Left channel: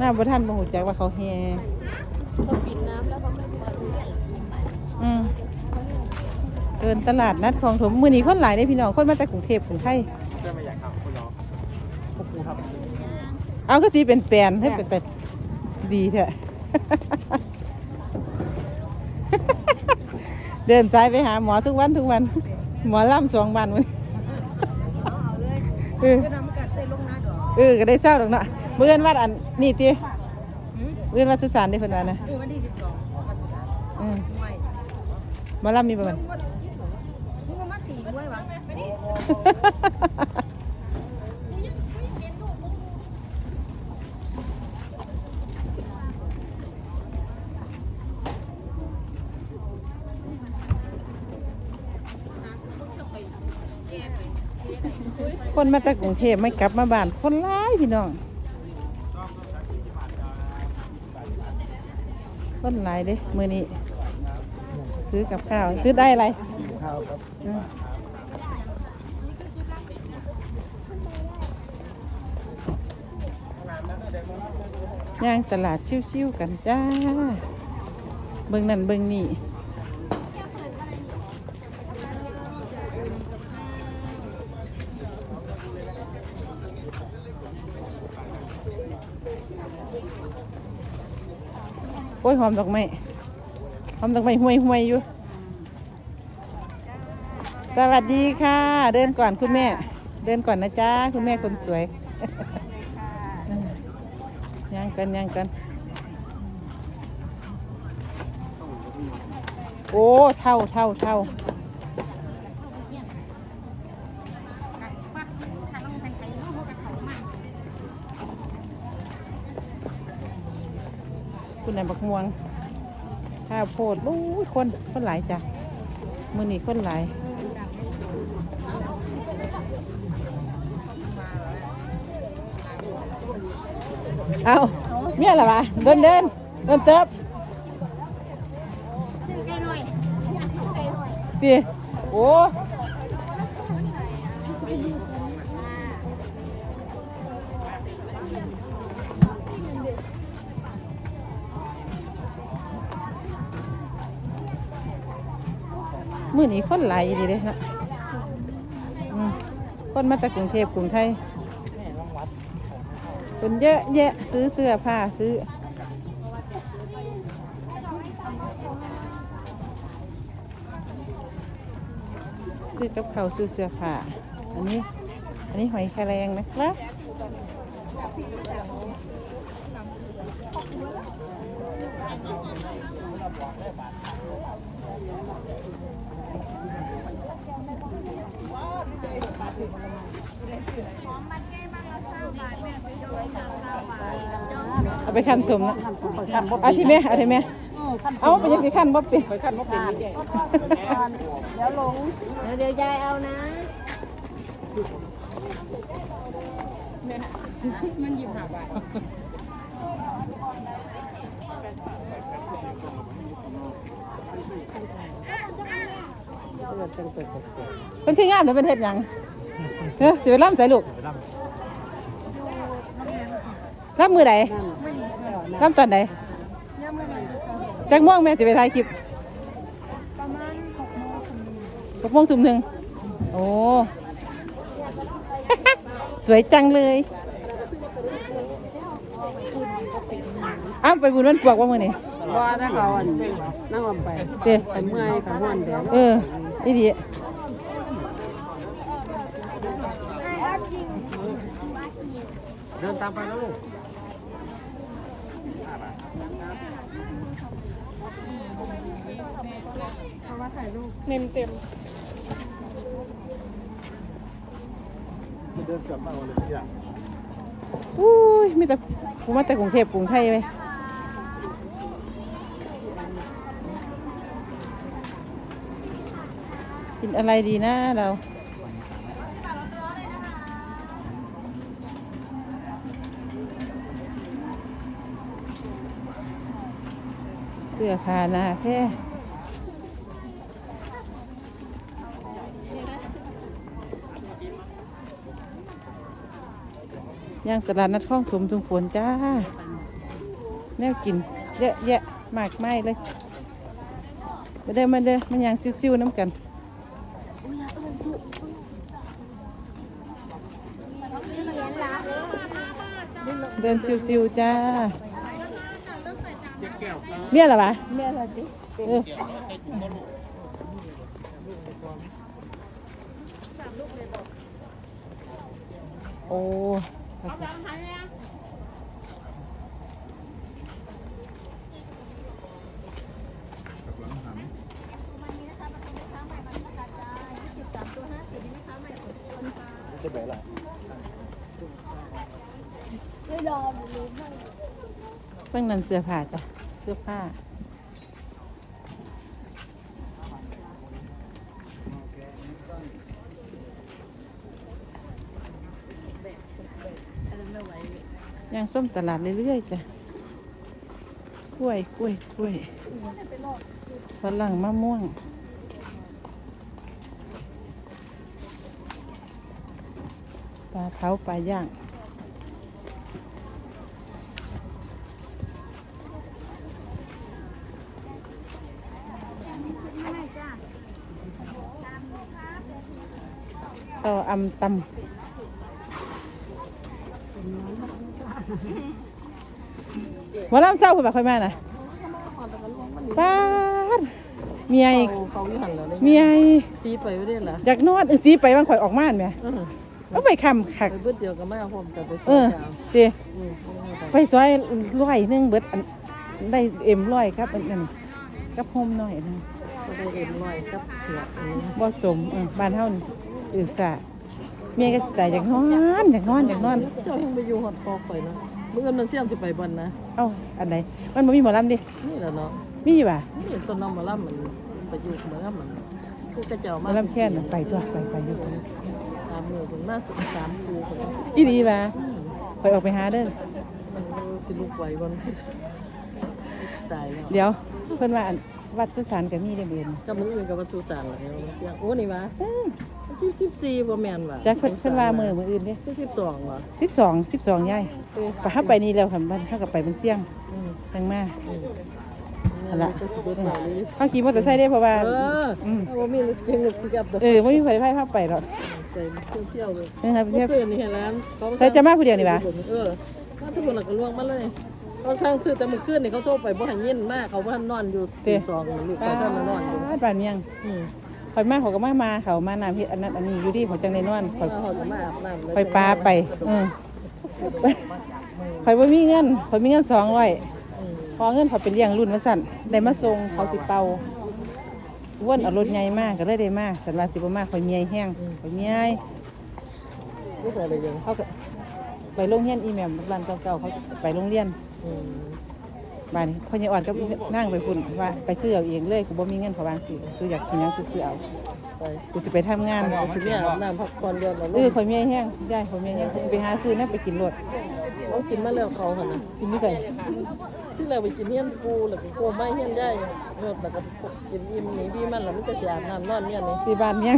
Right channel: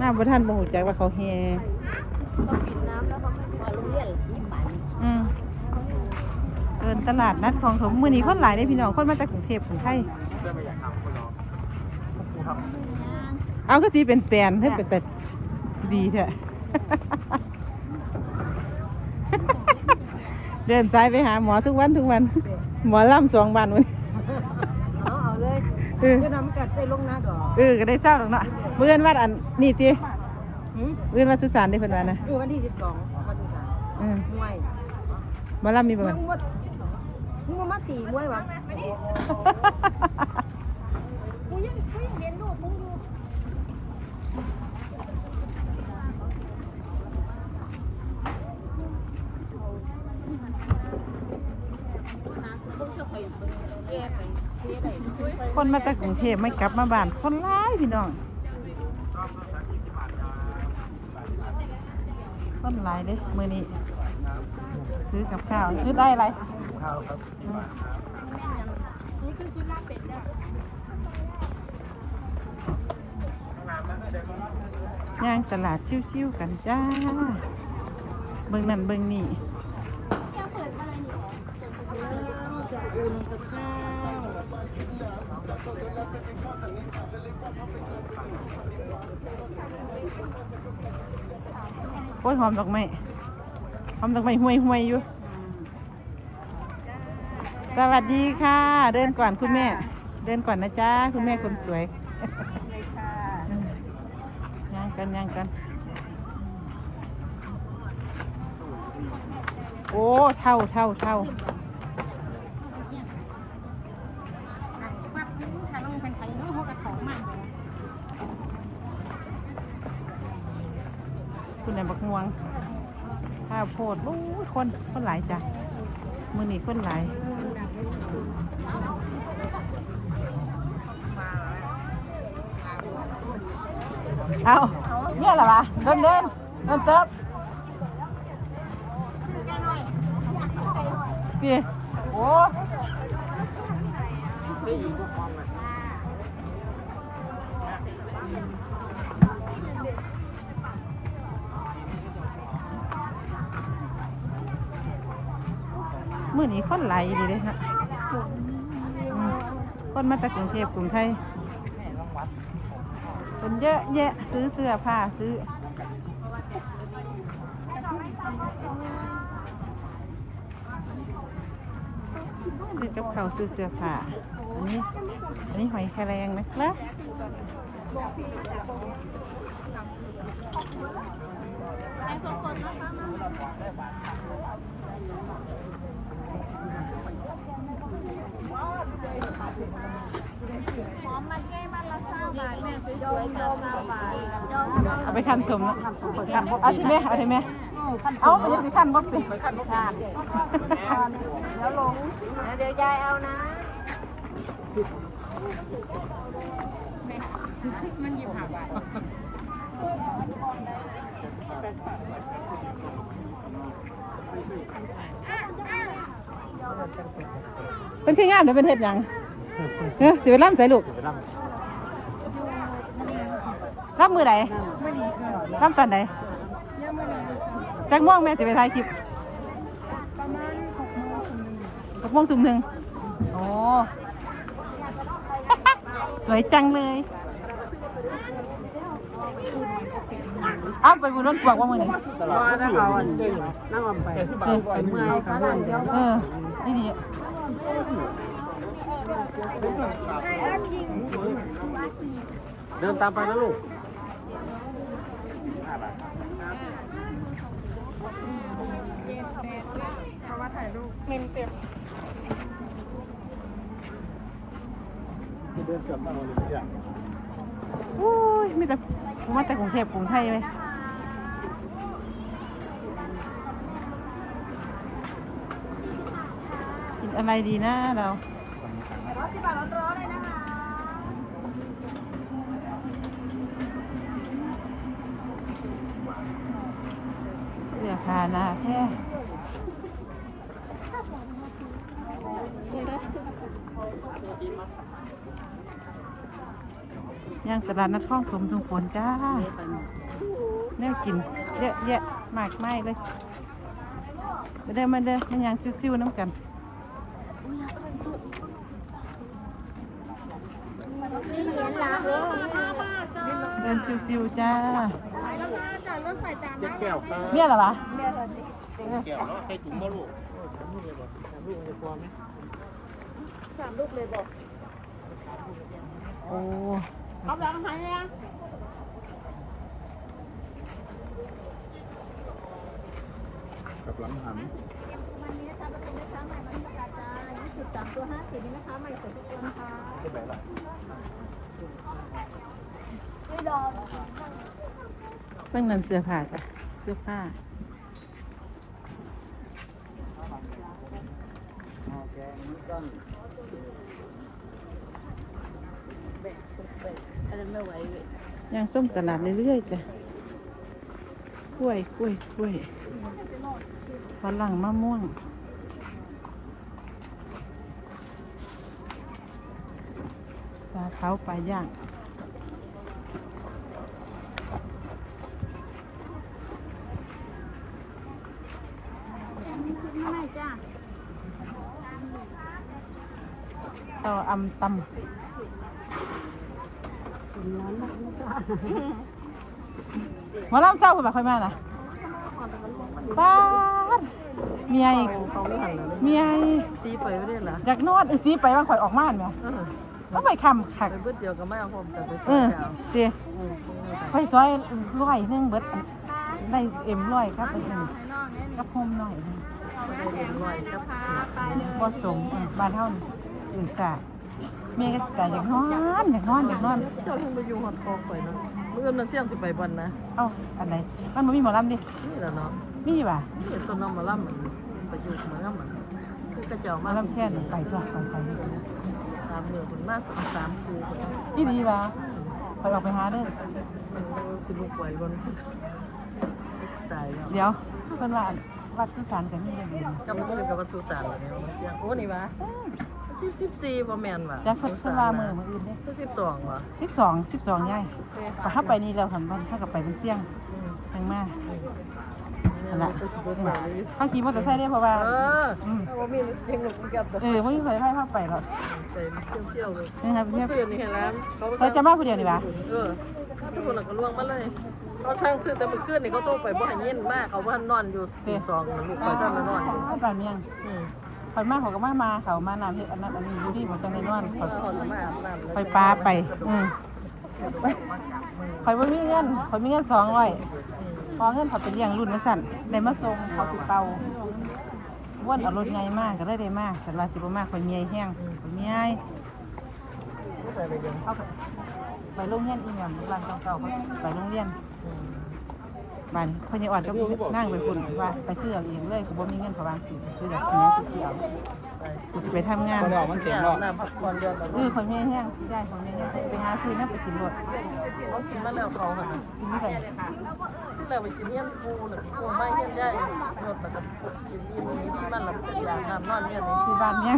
หน้าบ่ท่านบ่หูจักว่าเขาแฮอืมเดินตลาดนัดคลองถมมื้อนี้คนหลายเด้พี่น้องคนมาจากกรุงเทพคนไทยเอาก็สิเป็นแปลนให้เป็นแต่ดีเถอะเดินซ้ายไปหาหมอทุกวันทุกวัน หมอล่ำสองวันวันเอาเอาเลยเออจะทำให้กัดได้ลงหน้าก่อนเออก็ได้เช้าหรอกเนาะเมื่อนวัดอันนี่ตีหืมเมื่อนวัดสุสานได้เพิ่นว่านะเออวันที่สิบสองมาดูกันอืมมวยหมาล่ำมีประมาณมึงว่ามึงว่ามาตีมวยวะคนมาจากกรุงเทพไม่กลับมาบ้านคนร้ายพี่น้อง คนหลายเดิมือนี้ ซื้อกับข้าว ซื้อได้อะไรย่างตลาดชิวๆกันจ้า เบิ่งนั่นเบิ่งนี่ โอ้ยหอมดอกไม้หอมดอกไม้ห่วยห่วยๆอยู่ สวัสดีค่ะ เดินก่อนคุณแม่ เดินก่อนนะจ๊ะคุณแม่คนสวยอืมย่างกันย่างกัน โอ้ เท่าเท่าเท่า คุณนายบักม่วงข้าวโพดโอ้ยคนคนหลายจ้ะมือนี่คนหลายเอาเมียอะไรวะเดินเดินเดินเติบสิโอ้ มื่อนี้คนหลายดีเลยครับคนมาจากกรุงเทพกรุงไทยคนเยอะแยะซื้อเสื้อผ้าซื้อซื้อกับเขาซื้อเสื้อผ้าอันนี้อันนี้หอยแครงนะครับเอา ไปขั้นสมนะเอาที่แม่เอาที่แม่เอาไปยังสิขั้นบ่เป็นเดี๋ยวยายเอานะเป็นขี้งามเดี๋ยวเป็นเฮ็ดหยังเออสิไปล่ำใส่ลูก ล่ำมือไหนไม่ดีค่ะล่ำตอนไหนยังไม่ดีค่ะแจ็คม่วงแม่จะไปถ่ายคลิปประมาณหกโมงถึงหกโมงทุ่มหนึ่งโอ้สวยจังเลยอ้าวไปบุญวันปวกว่ามือนี่รอนะเขานั่งลงไปเต้เมื่อยค่ะเมื่อยเดียวเออนี่ดีเดินตามไปนะลูก เดินกลับมาวันนี้อย่างอุ้ยไมีแต่ผมมาแต่กรุงเทพกรุงไทยไหมกินอะไรดีนะเรา สื้อผ้าหนาแค่ย่างตลาดนัดข้องถมทุงฝนจ้าแม่กินเยอะแยะมากไม่เลยมาเด้มาเด้มันยังซิ่วๆน้ำกันเดินซิวๆจ้า เมียเหรอวะเออโอ้กับหลังหันวันนี้นะคะประตูไม่ค้าใหม่มันประกาศจ้ายี่สิบสามตัวห้าสิบนี่นะคะใหม่สดนะคะที่ไหนล่ะไม่รอ เพิ่งนั่นเสื้อผ้าจ้ะเสื้อผ้าย่างส้มตลาดเรื่อยๆจ้ะกล้วยกล้วยกล้วยฝรั่งมะม่วงปลาเผาปลาย่าง ไม่จ้า ต่ออำตำหมาล่ำเจ้าคุณแบบค่อยมานะป้าดเมียอีกเมียอีกซีไปไม่ได้เหรออยากนอนเออจีไปบางข่อยออกม่านไหมอืมเอาไปคำขัก ไปเพื่อเดียวก็ไม่เอาผมแต่ไปเอซื้ออเอาเดีอืมไปซอยร้อยหนึงเบิดอันได้เอ็มร้อยครับอันนั้นกับโฮมน้อยอันนั้นพอดีเย็นหน่อยครับเผือกนี่บ่สมอืมบ้านเฮานี่อื่นสา เมียก็ใจอยากนอนอยากนอนอยากนอน เจ้าไปอยู่หัดกองไปเนาะเมื่อมันเสี่ยงสิไปบันนะ เอ้าอันไหนมันบ่มีหมอลำดินี่แหละเนาะมีป่ะนี่ต้นน้ำมะล่ำมันไปอยู่มาแล้วมันคือกระเจ้าหมมาอลำแค่นไปตัวไปไปไปสามหมื่นถึงมาสองสามคูคนอีดีป่ะไปออกไปหาเด้อสิลูกไหวบนตายเนาะเดี๋ยวเพิ่นว่าอันวัดสุสานก็มีเด้อเดือนกับมึงกับวัตถุสารเนี่ยอยากรู้นี่วะ สิบสิบสี่บ่แม่นว่ะจักเพิ่นเพิ่นว่ามื้อมื้ออื่นเด้คือสิบสองว่ะ12 12ยายเอ้ยก็เฮาไปนี่แล้วค่ะบ้านเฮาก็ไปเป็นเที่ยงอืมยังมานั่นละเอเขาขี่มอเตอร์ไซค์ได้เพราะว่าออืมโอ้มีลูกจริงลูกที่กับเออไม่มีไฟไฟภาพไปหรอกใส่เที่ยวนี่ครับๆเพื่เขาอน ซื้อนี่ให้แล้วใส่จะมาผู้เดียวนี่ปะเออทุกคนก็ล่วงมาเลยเขาสร้างซื้อแต่เมื่อคืนนี่เขาโทรไปบ่ให้ยินมากเขาว่านอนอยู่ตีสองลูกเขาท่านนอนอยู่บ้านเมียงอืม ไฟมาเขาก็มามาเขามาน้ำพี่อันนั้นอันนี้อยู่ที่ของจังในนอนเขาเขาหอนน้ำไฟปลาไปเออไฟว่ามีเงินไฟมีเงินสองร้อยพอเงินเขาเป็นเลี้ยงรุ่นมาสั่นได้มาส่งเขาติเป่าอ้นเอารถใหญ่มากก็เลยได้มากแต่ว่าสิบมากคนเมียแห้งคนเมยไม่ไรยังเขาไปโรงเรียนอีแมมบ้านเก่าๆเขาไปโรงเรียน บ้านพญ่อ่อนก็นั่งไปคุณว่าไปซื้อเอาเองเลยก็บ่มีเงินเขาบางสิซื้ออยากกินหยังซื้อเอาไปกูจะไปทำงานก็ดอกมันที่เอกน้ำพักผ่อนเยอยเมียแห้งได้ข่อยเมียแห้งกูจะไปหาซื้อนะไปกินรถกินมาแล้วเขาค่ะกินนี่ไก่ที่เราไปกินเฮี้ยนกูหรือกูไม่เฮี้ยนได้นอนแบบกินมีพี่มันหรือจะอยากน้ำนอนเนี่ยนี่ที่บ้านเมีย